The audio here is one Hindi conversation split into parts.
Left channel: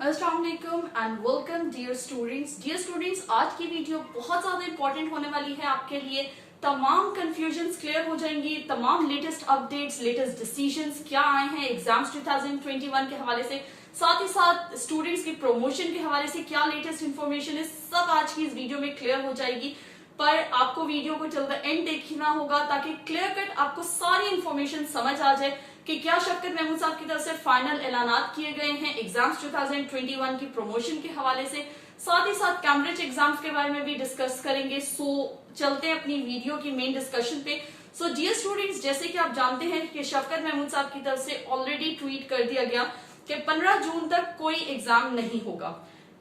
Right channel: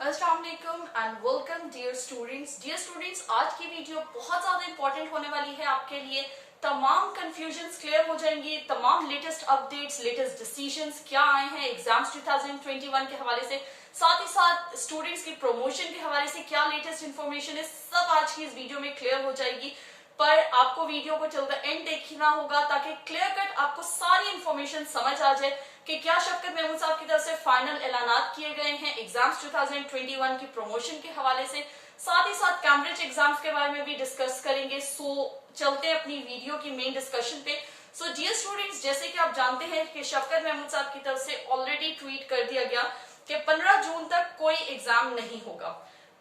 अस्सलाम वालेकुम एंड वेलकम डियर स्टूडेंट्स। आज की वीडियो बहुत ज्यादा इंपॉर्टेंट होने वाली है आपके लिए। तमाम कंफ्यूजन्स क्लियर हो जाएंगी, तमाम लेटेस्ट अपडेट्स, लेटेस्ट डिसीजंस क्या आए हैं एग्जाम्स 2021 के हवाले से, साथ ही साथ स्टूडेंट्स की प्रमोशन के हवाले से क्या लेटेस्ट इंफॉर्मेशन है, सब आज की इस वीडियो में क्लियर हो जाएगी। पर आपको वीडियो को चल द एंड देखना होगा ताकि क्लियर कट आपको सारी इंफॉर्मेशन समझ आ जाए कि क्या शफकत महमूद साहब की तरफ से फाइनल ऐलानात किए गए हैं एग्जाम्स 2021 की प्रमोशन के हवाले से। साथ ही साथ कैम्ब्रिज एग्जाम्स के बारे में भी डिस्कस करेंगे। सो चलते हैं अपनी वीडियो की मेन डिस्कशन पे। सो डियर स्टूडेंट्स, जैसे कि आप जानते हैं कि शफकत महमूद साहब की तरफ से ऑलरेडी ट्वीट कर दिया गया कि 15 जून तक कोई एग्जाम नहीं होगा।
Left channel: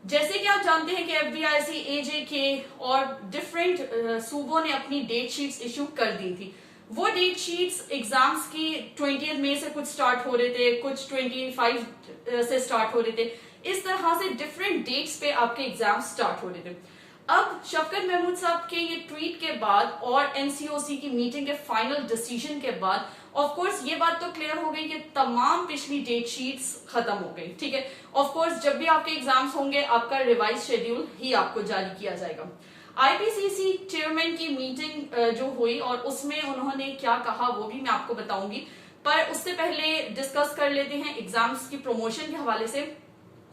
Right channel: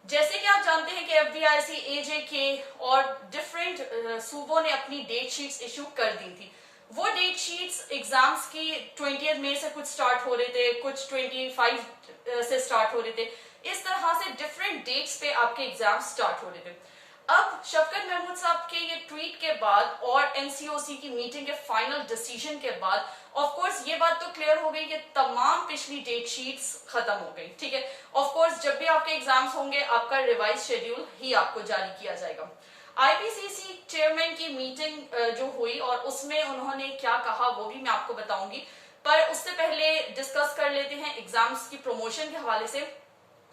जैसे कि आप जानते हैं कि FBIC, AJK और डिफरेंट सूबों ने अपनी डेट शीट्स इशू कर दी थी। वो डेट शीट्स एग्जाम्स की 20 मई से कुछ स्टार्ट हो रहे थे, कुछ 25 से स्टार्ट हो रहे थे। इस तरह से डिफरेंट डेट्स पे आपके एग्जाम स्टार्ट हो रहे थे। अब शफकत महमूद साहब के ये ट्वीट के बाद और NCOC की मीटिंग के फाइनल डिसीजन के बाद ऑफ कोर्स ये बात तो क्लियर हो गई कि तमाम पिछली डेट शीट्स खत्म हो गई। ठीक है, ऑफ कोर्स जब भी आपके एग्जाम्स होंगे आपका रिवाइज शेड्यूल ही आपको जारी किया जाएगा। IPCC चेयरमैन की मीटिंग जो हुई और उसमें उन्होंने क्या कहा वो भी मैं आपको बताऊंगी, पर उससे पहले डिस्कस कर लेते हैं एग्जाम्स की प्रमोशन के हवाले से।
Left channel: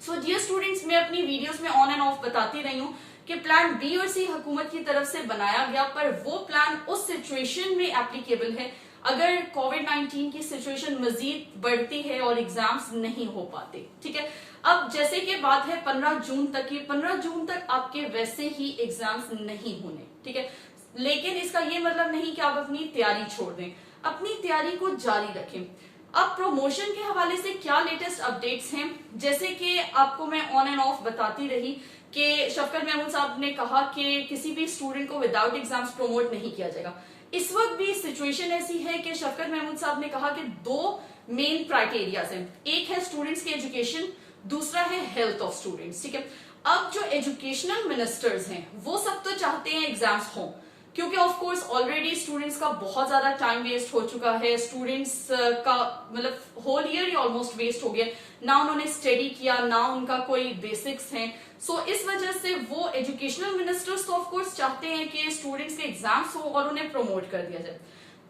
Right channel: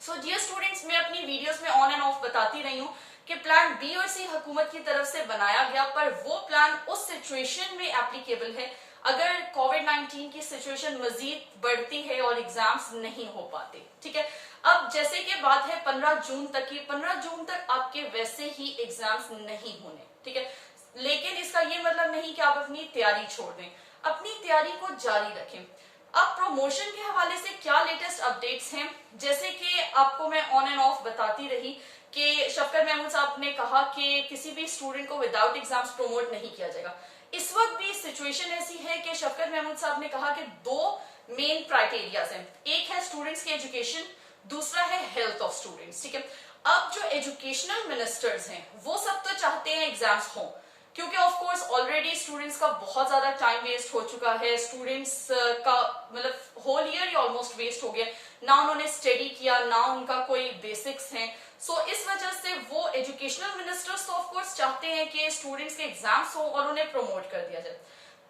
सो डियर स्टूडेंट्स, मैं अपनी वीडियोस में ऑन एंड ऑफ बताती रही हूँ कि प्लान B और C हुकूमत की तरफ से बनाया गया, पर वो प्लान उस सिचुएशन में एप्लीकेबल है अगर कोविड-19 की सिचुएशन मजीद बढ़ती है और एग्जाम्स नहीं हो पाते। ठीक है, अब जैसे कि बात है 15 जून तक की, 15 जून तक आपके वैसे ही एग्जाम्स नहीं होने। ठीक है, लेकिन इसका ये मतलब नहीं कि आप अपनी तैयारी छोड़ दें, अपनी तैयारी को जारी रखें। अब प्रमोशन के हवाले से क्या लेटेस्ट अपडेट्स हैं, जैसे कि आपको मैं ऑन एंड ऑफ बताती रही कि शफकत महमूद साहब ने कहा कि किसी भी स्टूडेंट को विदाउट एग्जाम्स प्रमोट नहीं किया जाएगा। इस वक्त भी सिचुएशन ऐसी है कि शफकत महमूद साहब ने कहा कि दो मेन क्राइटेरियाज हैं, एक है स्टूडेंट्स की एजुकेशन, दूसरा है हेल्थ ऑफ स्टूडेंट्स। ठीक है, अब जो एजुकेशनल मिनिस्टर्स हैं वो सब तो चाहते हैं एग्जाम्स हों, क्योंकि ऑफ कोर्स ऑलरेडी स्टूडेंट्स का बहुत ज्यादा टाइम वेस्ट हो चुका है। स्टूडेंट्स का मतलब होल ईयर ही ऑलमोस्ट वेस्ट हो गया, ना उन्होंने स्टडी किया, ना उनका कोई बेसिक्स हैं। सो इस वजह से वो एजुकेशनल मिनिस्टर्स तो ऑफ कोर्स चाहते हैं कि स्टूडेंट्स के एग्जाम्स हो और उन्हें प्रमोट कर दिया जाए,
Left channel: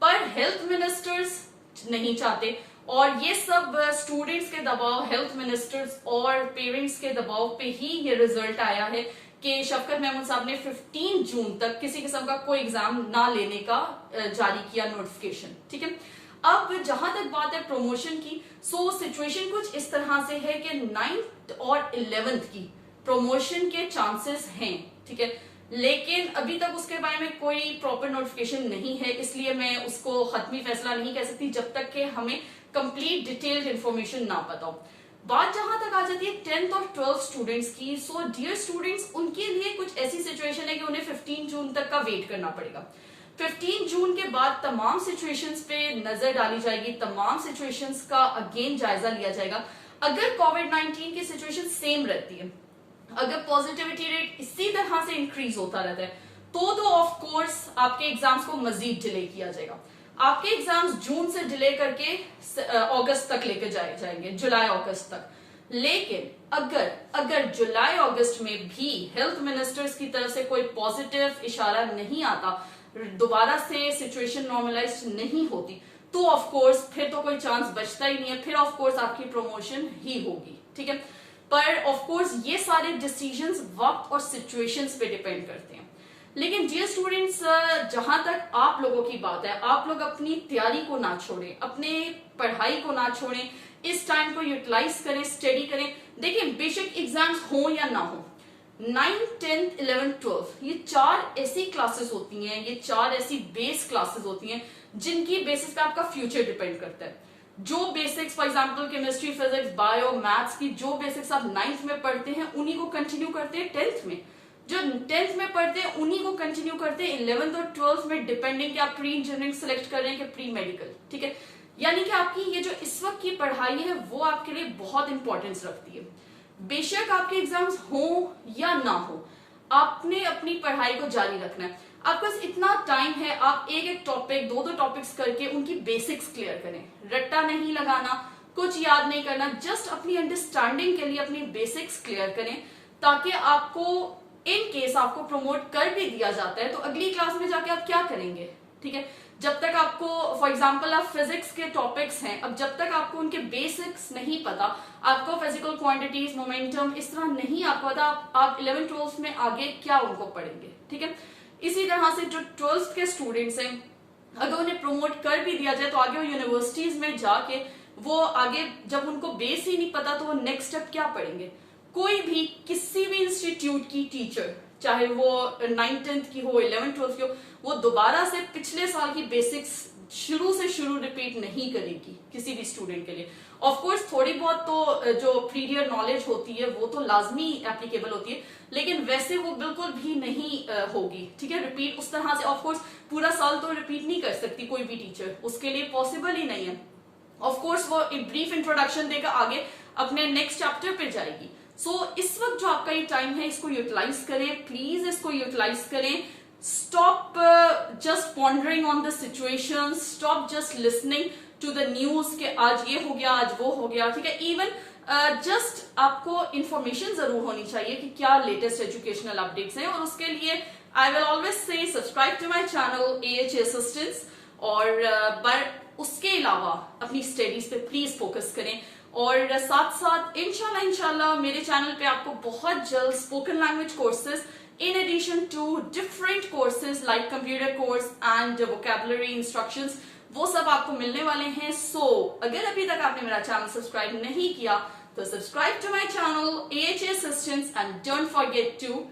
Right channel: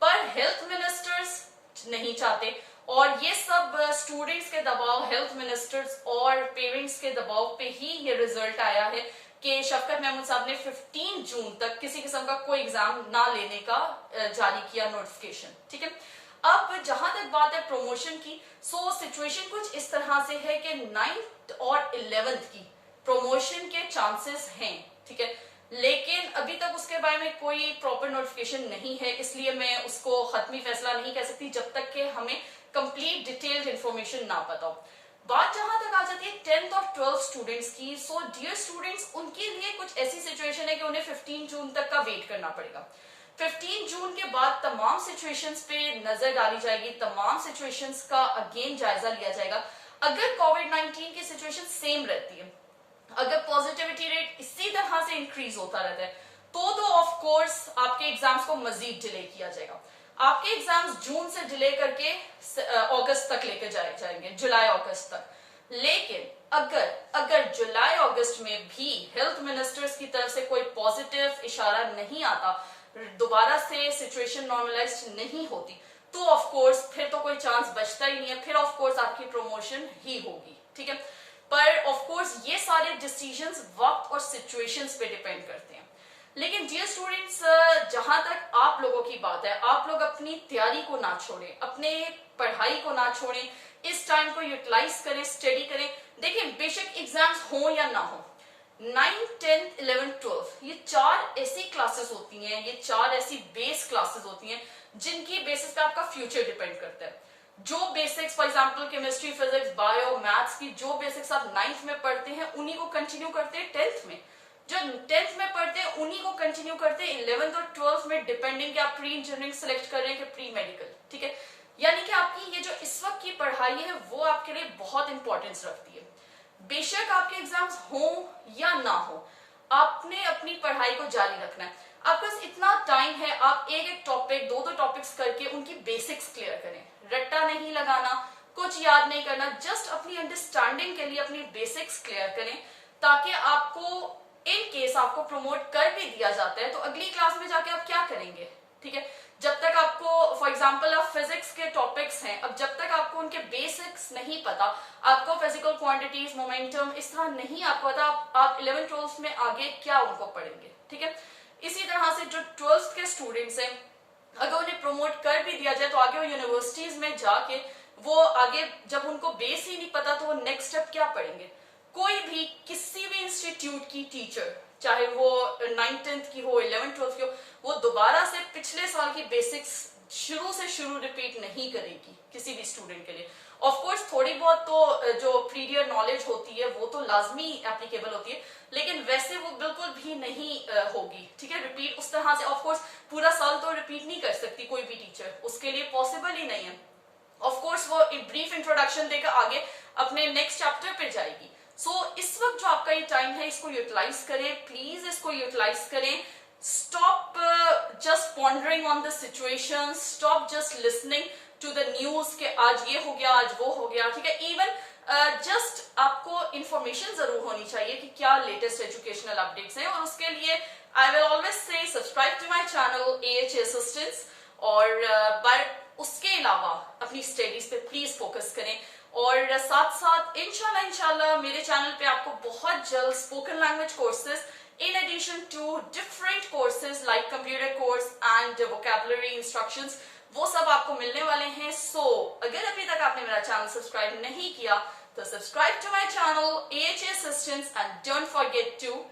पर हेल्थ मिनिस्टर्स नहीं चाहते। और ये सब स्टूडेंट्स के दबाव, हेल्थ मिनिस्टर्स और पेरेंट्स के दबाव पे ही ये रिजल्ट आया है कि शफकत महमूद साहब ने 15 जून तक किसी किस्म का कोई एग्जाम ना लेने का जारी किया नोटिफिकेशन। ठीक है, अब जहां तक बात है प्रमोशन की, सो सिचुएशन कुछ इस तरह से है कि 9th और 11th की प्रमोशन के चांसेस हैं। ठीक है, लेकिन अभी तक उसके बारे में कोई प्रॉपर नोटिफिकेशन नहीं है, इसलिए मैं उसको खत्मी फैसला नहीं कह सकती जब तक कि हमें कंप्लीट डिटेल्ड इंफॉर्मेशन ना पता हो। बात जहां तक आ जाती है 10th और 12th स्टूडेंट्स की, सो डियर स्टूडेंट्स, उनके लिए कुछ ऐसी सिचुएशन है कि उन्हें 15 जून तक का वेट करना पड़ेगा। 15 जून के बाद तमाम सिचुएशंस पे नजर डाली जाएगी, तमाम सिचुएशंस का अगेन जायजा लिया जाएगा। अगर कोविड-19 की सिचुएशन सेम रहती है, अगर पॉजिटिविटी रेट इसी तरह से इंक्रीज होता रहता है, तो ऑफ कोर्स आपके एग्जाम्स को मजीद डिले किया जाएगा। आपके एग्जाम्स जून से डिले करके अगस्त तक लेकर जाएंगे, जुलाई अगस्त तक। लेकिन अगर जुलाई अगस्त में भी हेल्थ मिनिस्टर्स की तरफ से कोई पॉजिटिव इशारा नहीं आता, दोबारा से सिचुएशन नॉर्मलाइज नहीं होती, तो ऑफ कोर्स फिर तो कोई चांस बचता ही नहीं है, फिर ऑफ कोर्स आपकी प्रमोशन ही होगी। ठीक है, पर ऑफ कोर्स ये सारे डिसीजंस वक्त और सिचुएशंस पे डिपेंड करते हैं। लेकिन डियर स्टूडेंट्स, जहां तक आप लोगों की बात है, आप लोग अपनी तैयारी को ना छोड़ें, अपने पढ़ाई को ना छोड़ें, इस टाइम को यूटिलाइज करें, स्टडी करें। देखिए, बेशक एग्जाम्स हो या ना हो, 9, 10, 11, 12 ये 4 ऐसी क्लासेस होती हैं, ये 4 ऐसी बेस क्लासेस होती हैं जिनकी बेसिस पे आपका फ्यूचर डिपेंड करता है। जो basics, for example chemistry, physics, bio, maths की जो बेसिक्स आप 9th में पढ़ते हैं उन्हीं को कंटिन्यू करते हैं 10th में, जो 10th में पढ़ते हैं उन्हीं को कंटिन्यू करते हैं 11th और 12th में, डिपेंडिंग कि आप प्री इंजीनियरिंग सेलेक्ट कर रहे हैं कि प्री मेडिकल। ठीक है, यानी कि आपकी ये जो इस वक्त की पढ़ाई है वो आपके लिए बहुत इंपॉर्टेंस रखती है। बेशक आपके एग्जाम्स हो या ना हो, आपने अपनी पढ़ाई को जारी रखना है। आपके पास इतना टाइम है, आप एक एक टॉपिक, दो टॉपिक्स करके उनकी बेसिक्स क्लियर करें, रट्टा नहीं लगाना, कुछ याद नहीं करना, जस्ट अपनी अंडरस्टैंडिंग के लिए अपनी बेसिक्स क्लियर करें, ताकि आपको इन केस आपको प्रमोट कर भी दिया जाता है तो अगली क्लास में जाके आप क्या करेंगे, ठीक है। जब तक आपको फॉर एग्जांपल आप फिजिक्स के टॉपिक्स हैं, अब जब तक आपको उनके बेसिक्स नहीं पता, आपको फिजिकल क्वांटिटीज, मोमेंटम इस तरह नहीं आपको पता, आप 11th 12th में आगे क्या उनको पढ़ेंगे, ठीक है। इसी तरह से जो 12th के स्टूडेंट्स हैं, अगर उन्हें प्रमोट कर भी दिया जाए तो आगे वो यूनिवर्सिटीज में जाके वो आगे जब उनको बेस ही नहीं पता तो वो नेक्स्ट स्टेप क्या पढ़ेंगे। कोई भी किसी भी इंस्टीट्यूट की टीचर, चाहे वो 9th 10th की हो, 11th 12th की हो, वो दोबारा से पिछले साल की बेसिक्स शुरू से शुरू रिपीट नहीं करेगी किसी भी स्टूडेंट के लिए। ऑफ कोर्स थोड़ी बहुत तो जो प्रीवियर नॉलेज होती है वो तो लाजमी एप्लीकेबल होती है, लेकिन वैसे वो बिल्कुल भी नहीं होगी, ठीक है, रिपीट उस तरह से। ऑफ कोर्स पूरा साल तो रिपीट नहीं कर सकती कोई भी टीचर, उसके लिए पॉसिबल ही नहीं है। ऑफ कोर्स वो एक ब्रीफ इंट्रोडक्शन देकर आगे अपने नेक्स्ट चैप्टर पे जाएगी। इस वक्त जो आपका ये टाइम है इसको यूटिलाइज करें, प्लीज इसको यूटिलाइज करें। Stop just pondering on the situation, stop just listening to the news के आज ये हो गया, आज वो हो गया, ठीक है। इवन जस्ट आपको इंफॉर्मेशन जरूर होनी चाहिए कि क्या लेटेस्ट एजुकेशनल अपडेट्स हैं, और उसके लिए I will always say subscribe to my channel AHA assistants, और उसके अलावा अपनी स्टडीज पे प्लीज फोकस करें। और साथ साथ इंशाल्लाह मेरे चैनल पे आपको बहुत जल्द spoken language courses in addition to different courses like computer course and vocabulary instructions, वो सब आपको मिलने वाले हैं। अगर अभी तक आपने मेरा चैनल सब्सक्राइब नहीं किया तो subscribe to my channel AHA assistants and don't forget to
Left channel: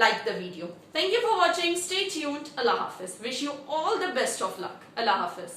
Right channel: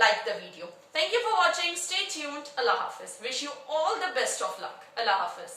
like the video. Thank you for watching. Stay tuned. Allah Hafiz. Wish you all the best of luck. Allah Hafiz.